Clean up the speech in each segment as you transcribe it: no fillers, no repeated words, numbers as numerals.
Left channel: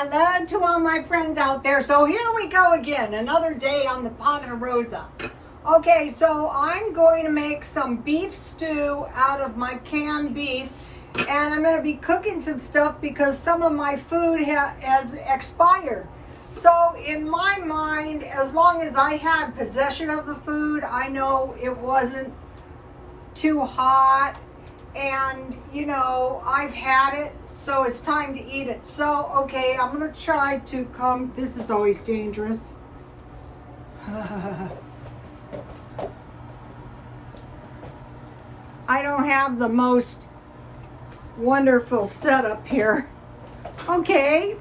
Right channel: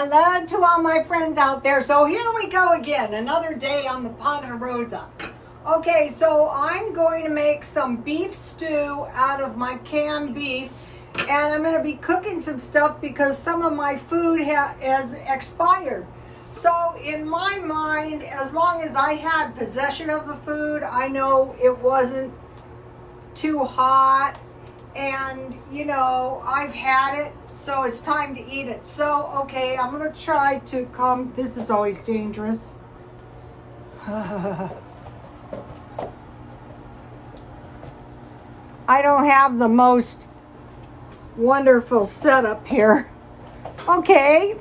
Hello to all my friends out there. So here we go again, another day on the Ponderosa. Okay, so I'm going to make some beef stew out of my canned beef, and I'm going to be cooking some stuff because some of my food has expired. So in my mind, as long as I had possession of the food, I know it wasn't too hot, and you know, I've had it, so it's time to eat it. So okay, I'm gonna try to come. This is always dangerous. I don't have the most wonderful setup here. Okay,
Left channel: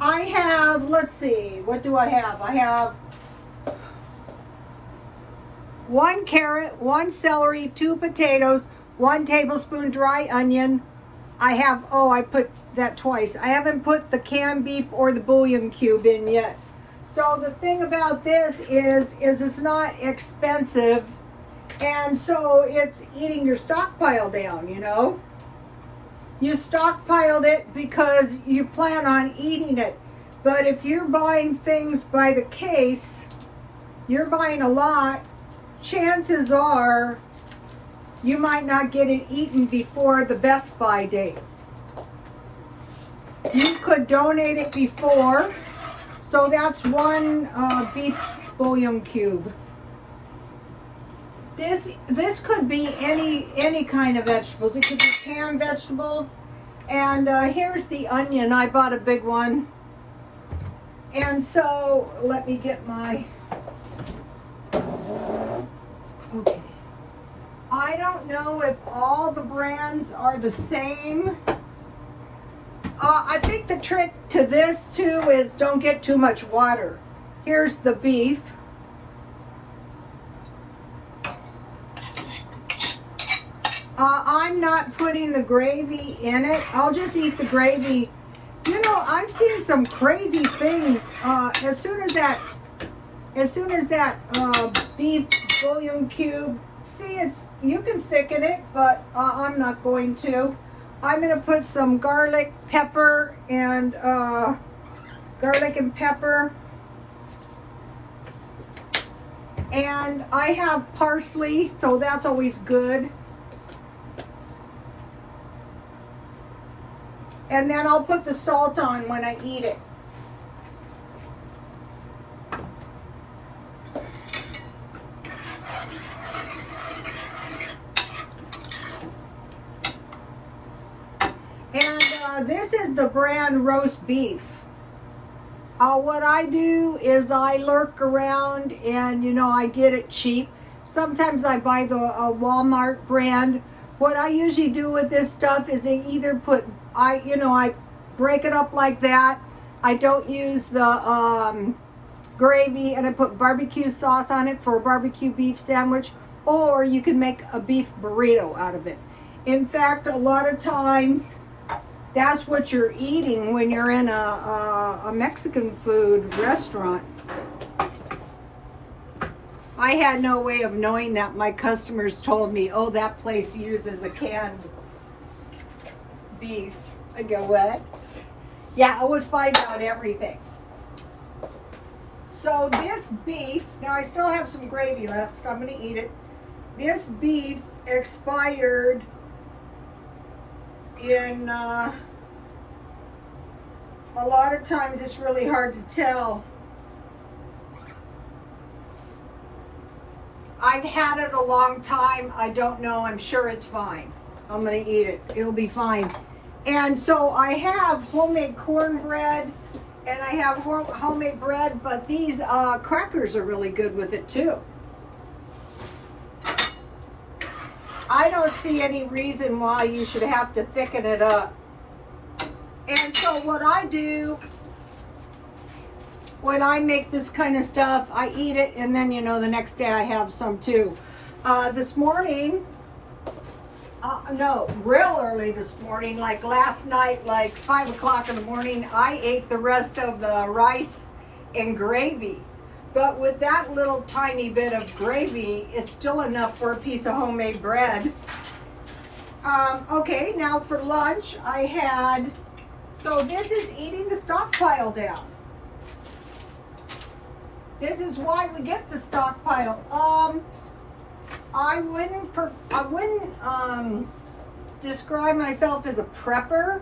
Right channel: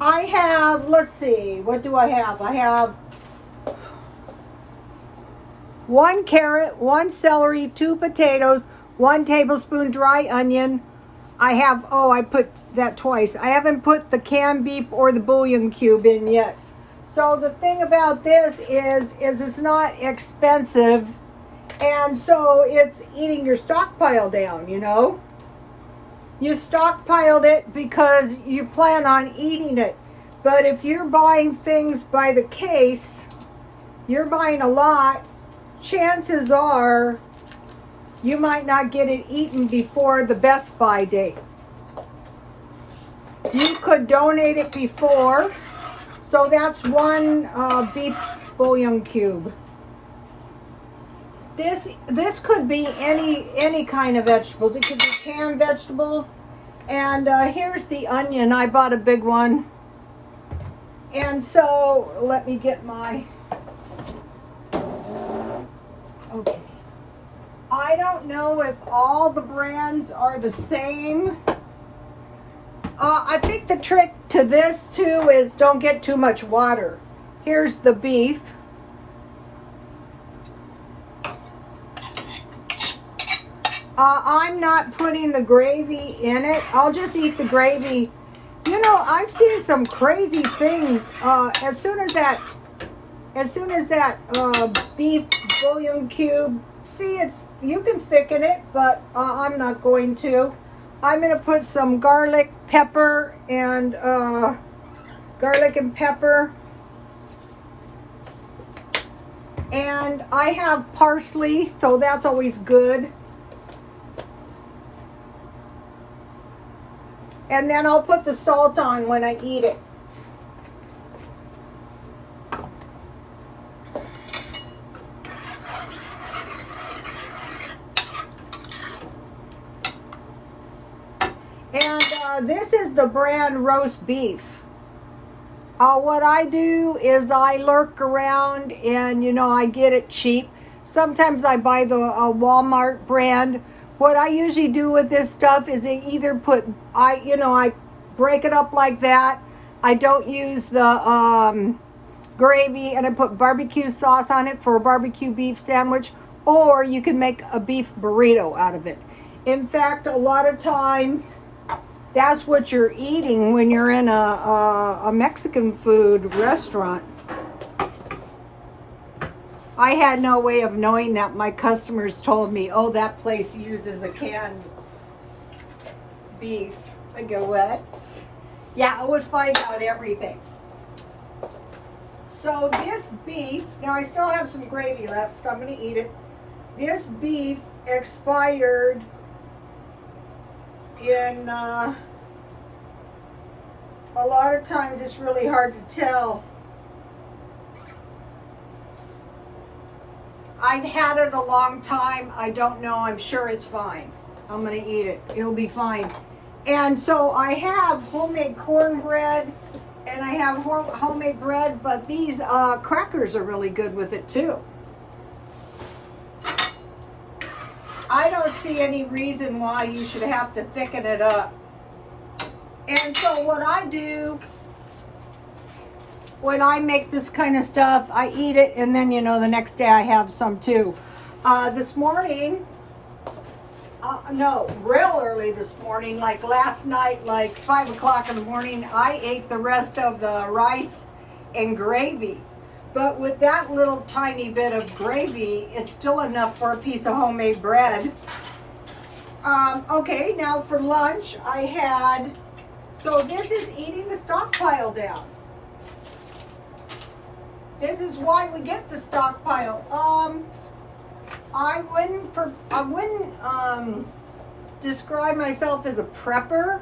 I have, let's see, what do I have? I have 1 carrot, 1 celery, 2 potatoes, 1 tablespoon dry onion. I have, oh, I put that twice. I haven't put the canned beef or the bouillon cube in yet. So the thing about this is it's not expensive, and so it's eating your stockpile down, you know. You stockpiled it because you plan on eating it. But if you're buying things by the case, you're buying a lot, chances are you might not get it eaten before the best by date. You could donate it before, so that's 1 beef bouillon cube. This could be any kind of vegetables. It could be canned vegetables. And here's the onion. I bought a big one. And so let me get my, okay. I don't know if all the brands are the same. I think the trick to this too is don't get too much water. Here's the beef. I'm not putting the gravy in it. I'll just eat the gravy. You know, I've seen some crazy things. As soon as that beef bouillon cube, see, you can thicken it, but I'm not going to. I'm going to put some garlic, pepper, and and I have parsley, so that's always good. And then I'll put the salt on when I eat it. And this is the brand roast beef. What I do is I lurk around and, you know, I get it cheap. Sometimes I buy the Walmart brand. What I usually do with this stuff is I either put, I break it up like that. I don't use the gravy, and I put barbecue sauce on it for a barbecue beef sandwich, or you can make a beef burrito out of it. In fact, a lot of times that's what you're eating when you're in a Mexican food restaurant. I had no way of knowing that. My customers told me, oh, that place uses a canned beef. I go, what? Yeah, I would find out everything. So this beef, now I still have some gravy left. I'm going to eat it. This beef expired in, a lot of times it's really hard to tell. I've had it a long time. I don't know. I'm sure it's fine. I'm going to eat it. It'll be fine. And so I have homemade cornbread, and I have homemade bread, but these crackers are really good with it too. I don't see any reason why you should have to thicken it up. And so what I do when I make this kind of stuff, I eat it, and then, you know, the next day I have some too. This morning, no, real early this morning, like last night, like 5 o'clock in the morning, I ate the rest of the rice and gravy. But with that little tiny bit of gravy, it's still enough for a piece of homemade bread. Okay, now for lunch, I had So this is eating the stockpile down. This is why we get the stockpile. I wouldn't describe myself as a prepper,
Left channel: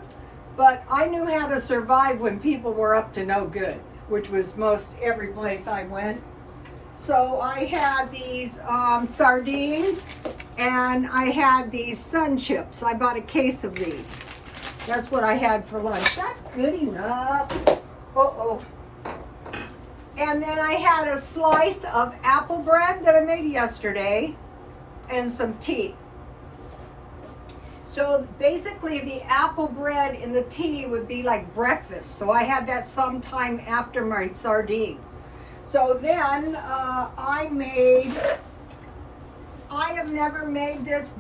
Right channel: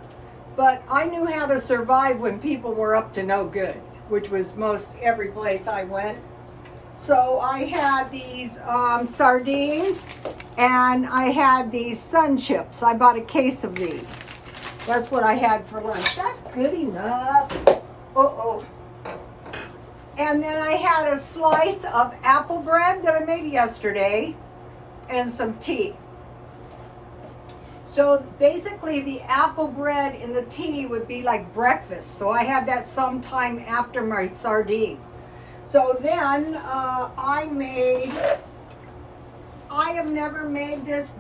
but I knew how to survive when people were up to no good, which was most every place I went. So I had these sardines, and I had these sun chips. I bought a case of these. That's what I had for lunch. That's good enough. Uh-oh. And then I had a slice of apple bread that I made yesterday and some tea. So basically the apple bread and the tea would be like breakfast. So I had that sometime after my sardines. So then I have never made this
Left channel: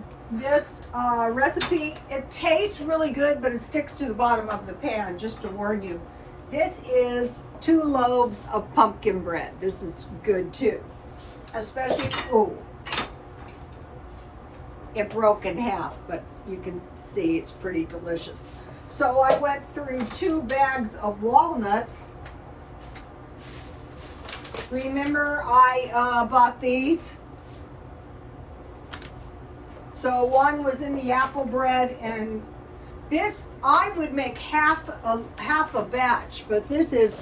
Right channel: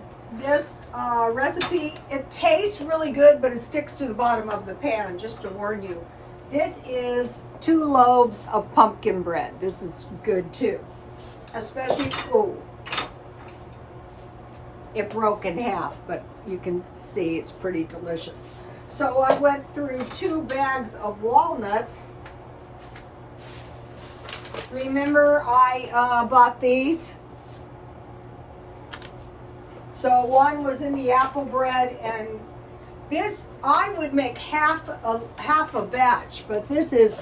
recipe. It tastes really good, but it sticks to the bottom of the pan, just to warn you. This is 2 loaves of pumpkin bread. This is good too. Especially, oh, it broke in half, but you can see it's pretty delicious. So I went through 2 bags of walnuts. Remember I bought these? So one was in the apple bread, and this I would make half a batch, but this is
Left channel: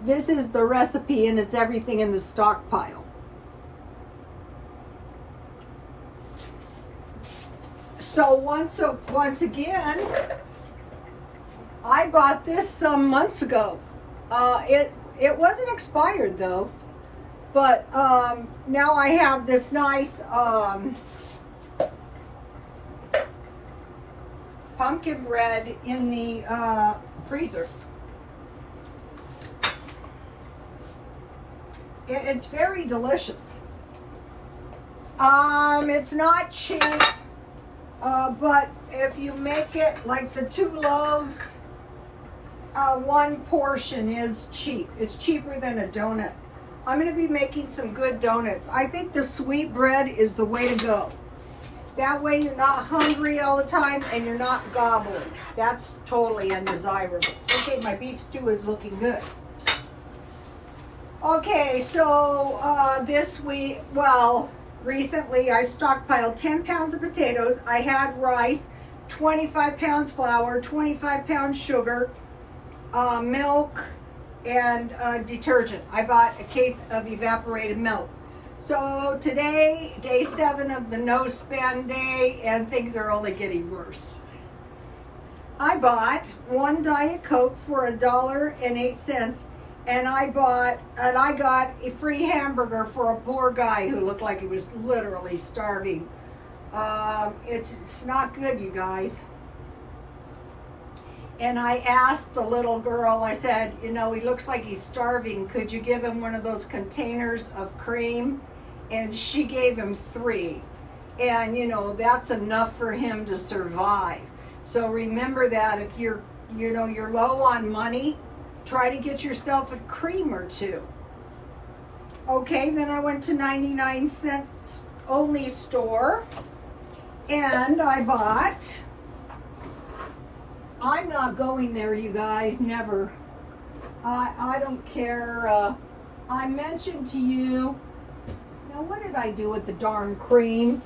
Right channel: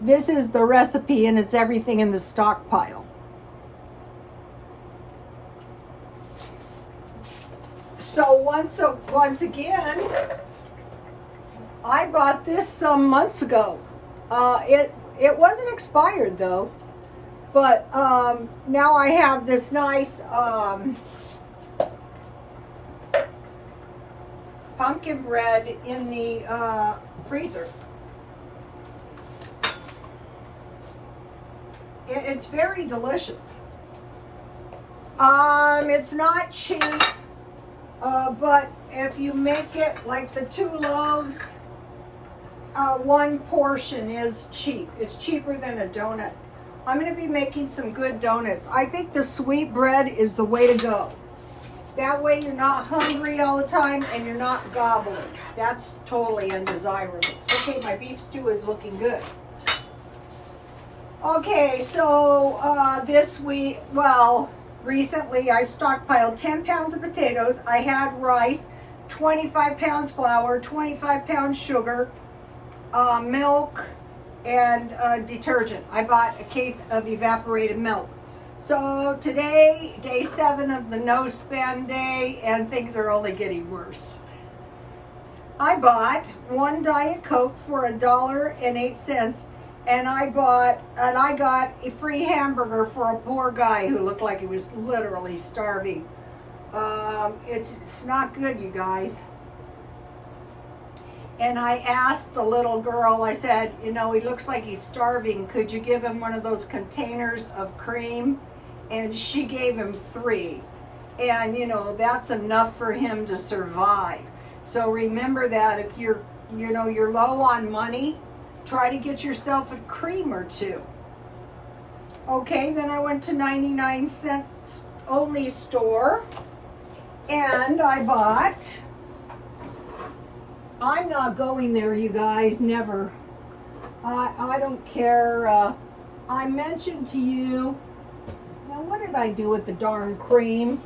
the recipe, and it's everything in the stockpile. So once again, I bought this some months ago. It wasn't expired though, but now I have this nice pumpkin bread in the freezer. It's very delicious. It's not cheap, but if you make it like the 2 loaves, 1 portion is cheap. It's cheaper than a donut. I'm going to be making some good donuts. I think the sweet bread is the way to go. That way you're not hungry all the time and you're not gobbling. That's totally undesirable. Okay, my beef stew is looking good. Okay, so this week, well, recently I stockpiled 10 pounds of potatoes. I had rice, 25 pounds flour, 25 pounds sugar, milk, and detergent. I bought a case of evaporated milk. So today, day 7 of the no spend day, and things are only getting worse. I bought 1 Diet Coke for $1.08, and I got a free hamburger for a poor guy who looked like he was literally starving. It's not good, you guys. And I asked the little girl, I said, you know, he looks like he's starving. Could you give him one of those containers of cream? And she gave him 3. And, you know, that's enough for him to survive. So remember that if you're low on money, try to get yourself a cream or 2. Okay, then I went to 99 cents only store. And I bought... I'm not going there, you guys, never. I don't care. I mentioned to you, now what did I do with the darn cream?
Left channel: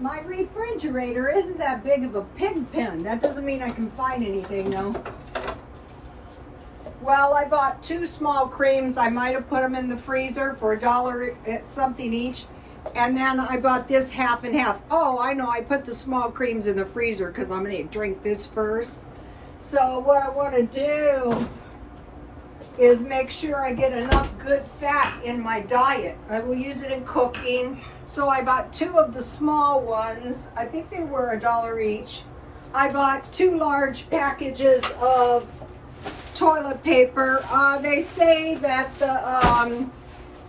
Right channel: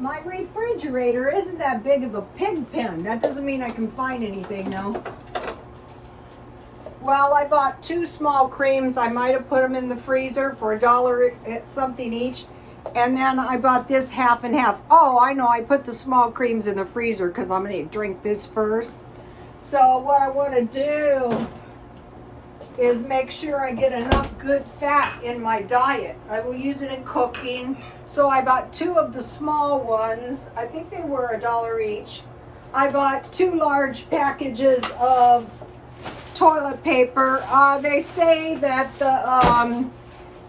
My refrigerator isn't that big of a pig pen. That doesn't mean I can find anything though. Well, I bought 2 small creams. I might have put them in the freezer for $1 something each. And then I bought this half and half. Oh, I know, I put the small creams in the freezer because I'm going to drink this first. So what I want to do is make sure I get enough good fat in my diet. I will use it in cooking. So I bought 2 of the small ones. I think they were $1 each. I bought 2 large packages of toilet paper. They say that the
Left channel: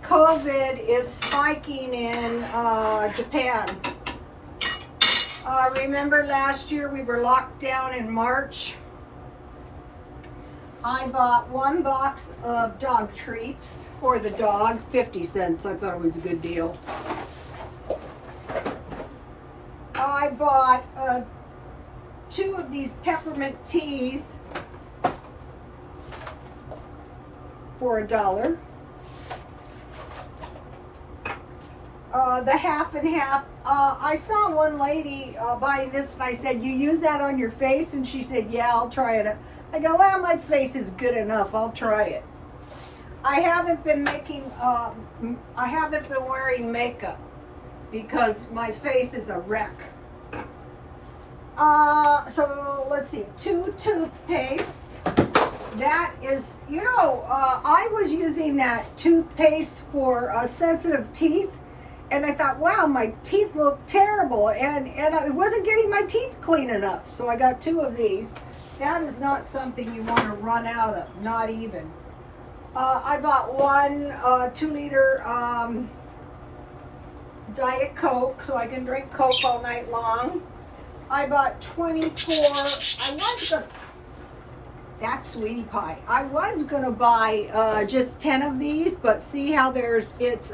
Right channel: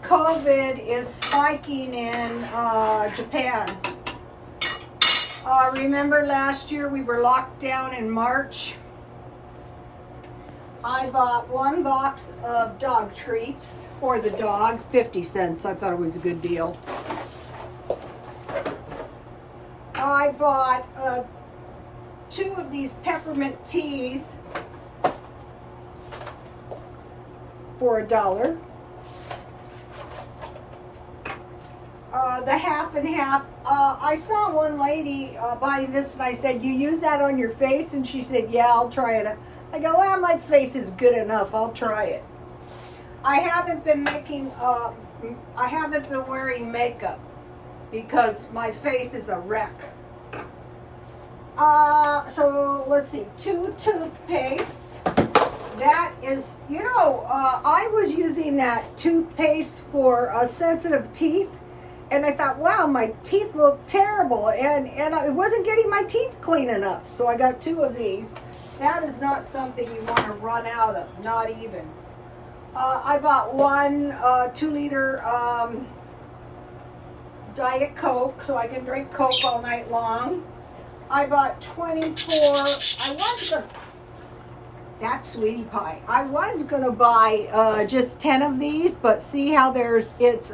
COVID is spiking in Japan. Remember last year we were locked down in March? I bought 1 box of dog treats for the dog, 50 cents. I thought it was a good deal. I bought 2 of these peppermint teas for $1. The half and half. I saw one lady buying this, and I said, "You use that on your face?" And she said, "Yeah, I'll try it." I go, "Well, my face is good enough. I'll try it." I haven't been wearing makeup because my face is a wreck. So let's see, 2 toothpastes. That is, I was using that toothpaste for sensitive teeth, and I thought, wow, my teeth look terrible, and I wasn't getting my teeth clean enough, so I got 2 of these. That is not something you want to run out of, not even. I bought 1 2-liter Diet Coke, so I can drink Coke all night long. I bought 24, that's Sweetie Pie. I was gonna buy just 10 of these, but see how it's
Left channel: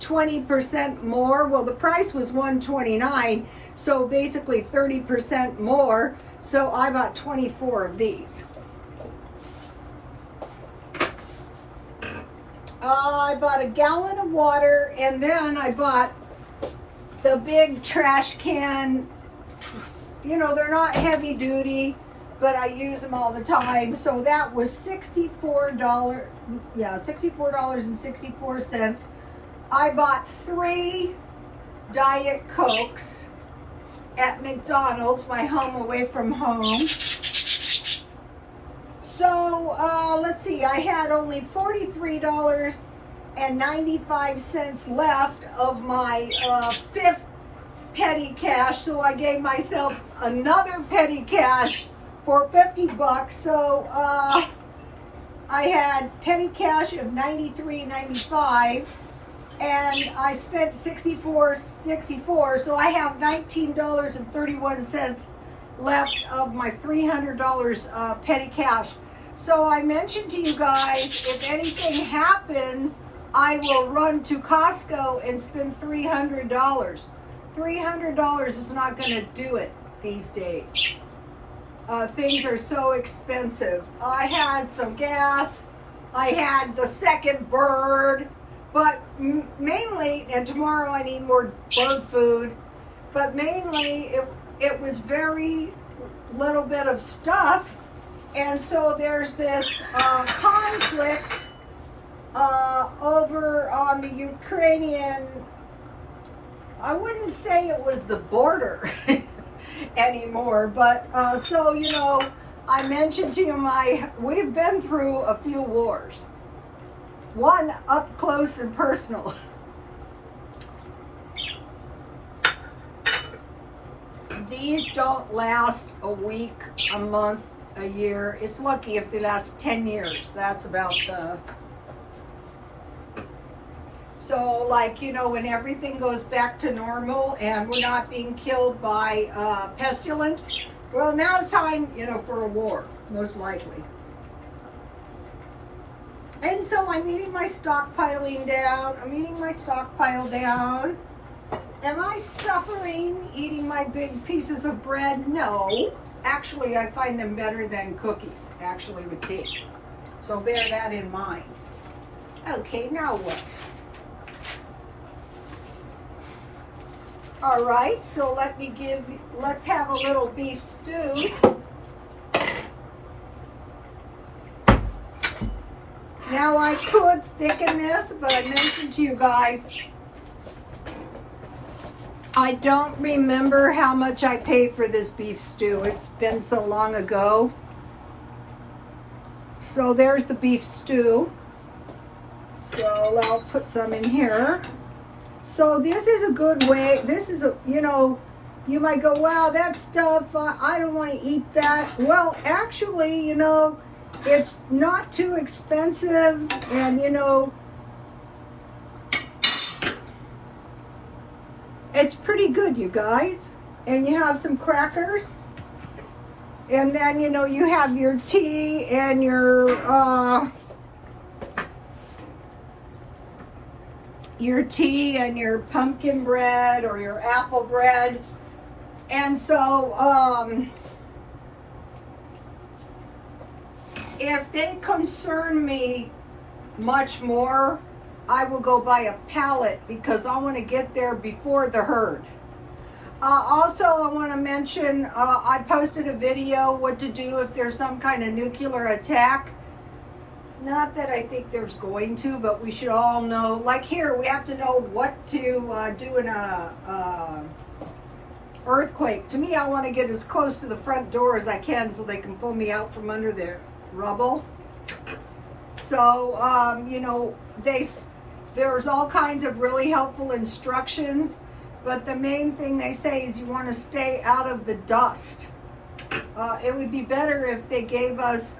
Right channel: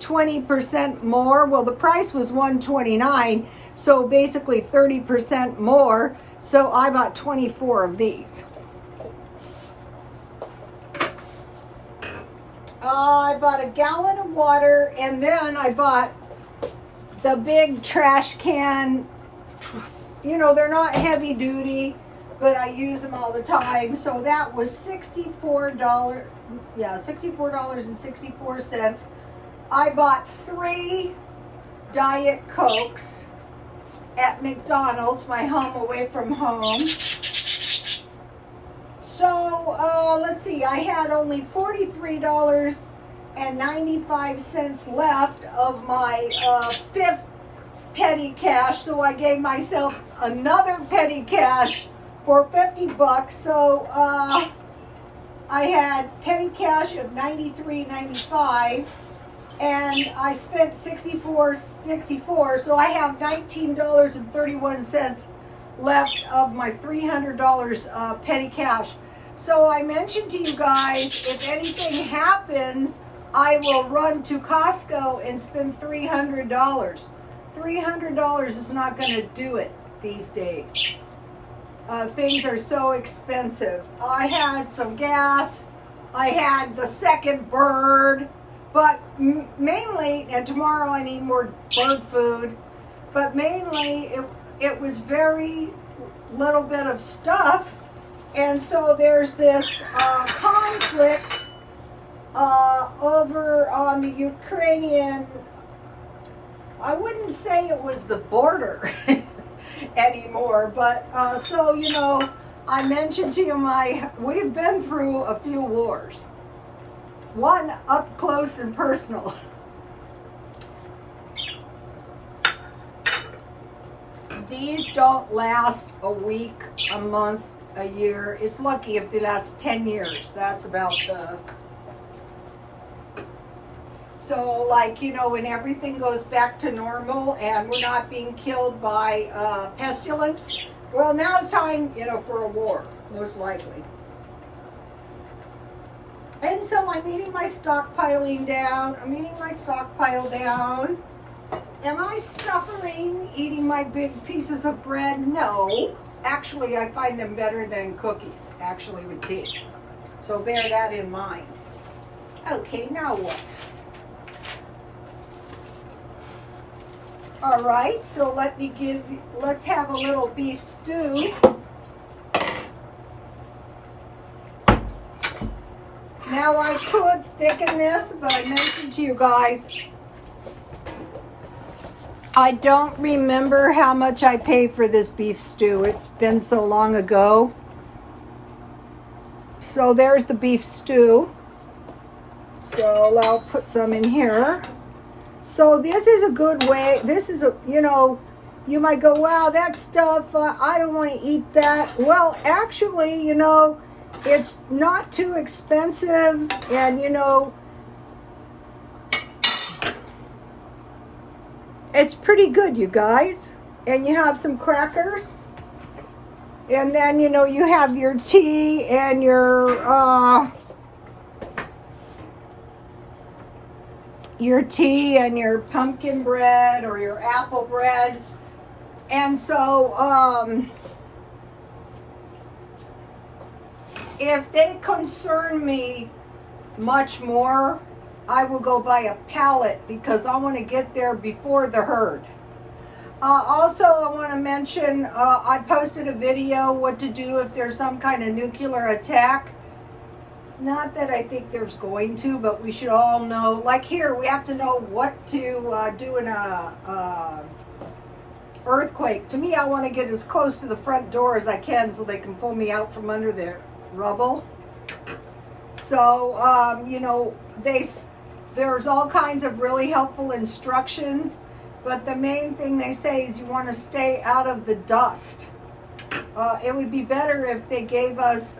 20% more. Well, the price was $129, so basically 30% more. So I bought 24 of these. I bought a gallon of water, and then I bought the big trash can. They're not heavy duty, but I use them all the time. So that was $64. Yeah, $64.64. I bought 3 Diet Cokes at McDonald's, my home away from home. So let's see, I had only $43.95 left of my 5th petty cash, so I gave myself another petty cash for $50. So I had petty cash of $93.95, and I spent $64.64, so I have $19.31 left of my $300 petty cash. So I mentioned to you guys, if anything happens, I will run to Costco and spend $300. $300 is not going to do it these days. Things are so expensive. I had some gas. I had the second bird, but mainly, and tomorrow I need more bird food, but mainly it was very little bit of stuff. And so there's this conflict over on the Ukrainian, I wouldn't say it was the border anymore, but so, I mentioned to you we've been through a few wars. One up close and personal. These don't last a week, a month, a year. It's lucky if they last 10 years. That's about so when everything goes back to normal and we're not being killed by pestilence, well, now it's time, for a war, most likely. And so I'm eating my stockpiling down. I'm eating my stockpile down. Am I suffering eating my big pieces of bread? No. Actually, I find them better than cookies, actually, with tea. So bear that in mind. Okay, now what? All right, so let's have a little beef stew. Now I could thicken this, but I mentioned to you guys, I don't remember how much I paid for this beef stew. It's been so long ago. So there's the beef stew. So I'll put some in here. So this is a good way. This is you might go, wow, that stuff, I don't want to eat that. Well, actually, it's not too expensive, and it's pretty good, you guys. And you have some crackers. And then, you know, you have your tea and your pumpkin bread or your apple bread. And so, if they concern me much more, I will go buy a pallet because I want to get there before the herd. Also, I want to mention, I posted a video what to do if there's some kind of nuclear attack. Not that I think there's going to, but we should all know. Like here, we have to know what to do in a earthquake. To me, I want to get as close to the front door as I can so they can pull me out from under the rubble. So, you know, there's all kinds of really helpful instructions. But the main thing they say is you want to stay out of the dust. It would be better if they gave us,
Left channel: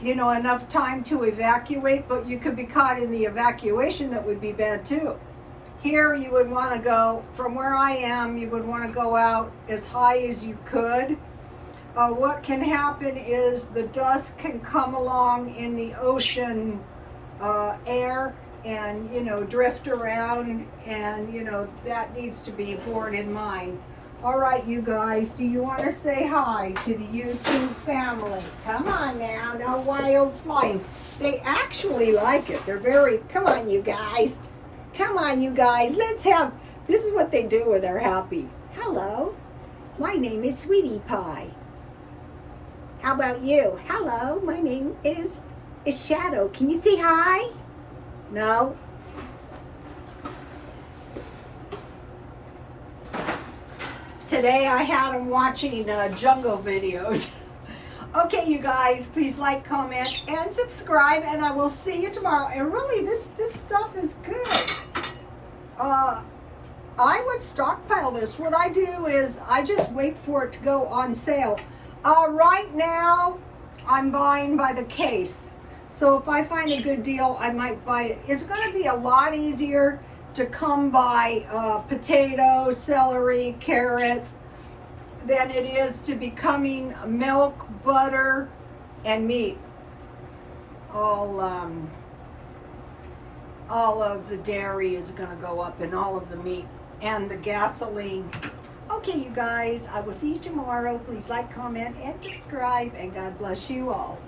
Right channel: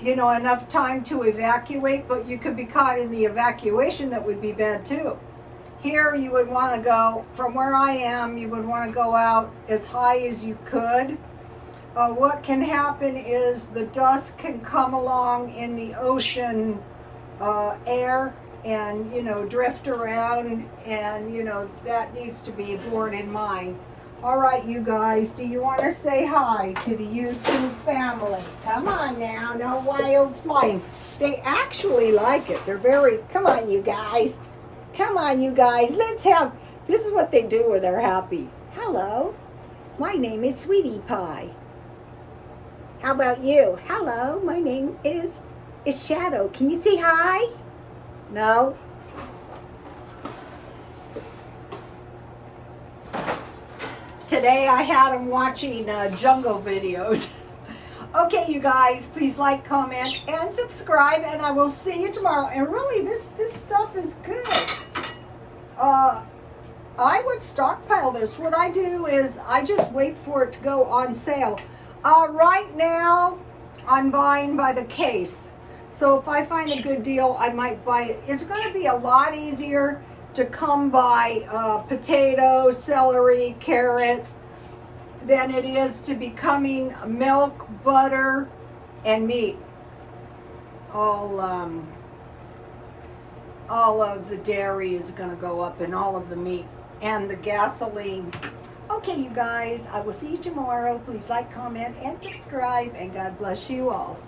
you know, enough time to evacuate, but you could be caught in the evacuation. That would be bad too. Here you would want to go, from where I am, you would want to go out as high as you could. What can happen is the dust can come along in the ocean air and, you know, drift around, and, you know, that needs to be borne in mind. All right, you guys, do you want to say hi to the YouTube family? Come on now, no wild flying. They actually like it. They're very, come on, you guys. Come on, you guys. Let's have, this is what they do when they're happy. Hello, my name is Sweetie Pie. How about you? Hello, my name is Shadow. Can you say hi? No? Today I had them watching jungle videos. Okay, you guys, please like, comment, and subscribe, and I will see you tomorrow. And really, this stuff is good. I would stockpile this. What I do is I just wait for it to go on sale. Right now, I'm buying by the case. So if I find a good deal, I might buy it. It's going to be a lot easier to come by potatoes, celery, carrots than it is to be coming milk, butter, and meat. All of the dairy is going to go up, and all of the meat and the gasoline. Okay, you guys, I will see you tomorrow. Please like, comment, and subscribe, and God bless you all.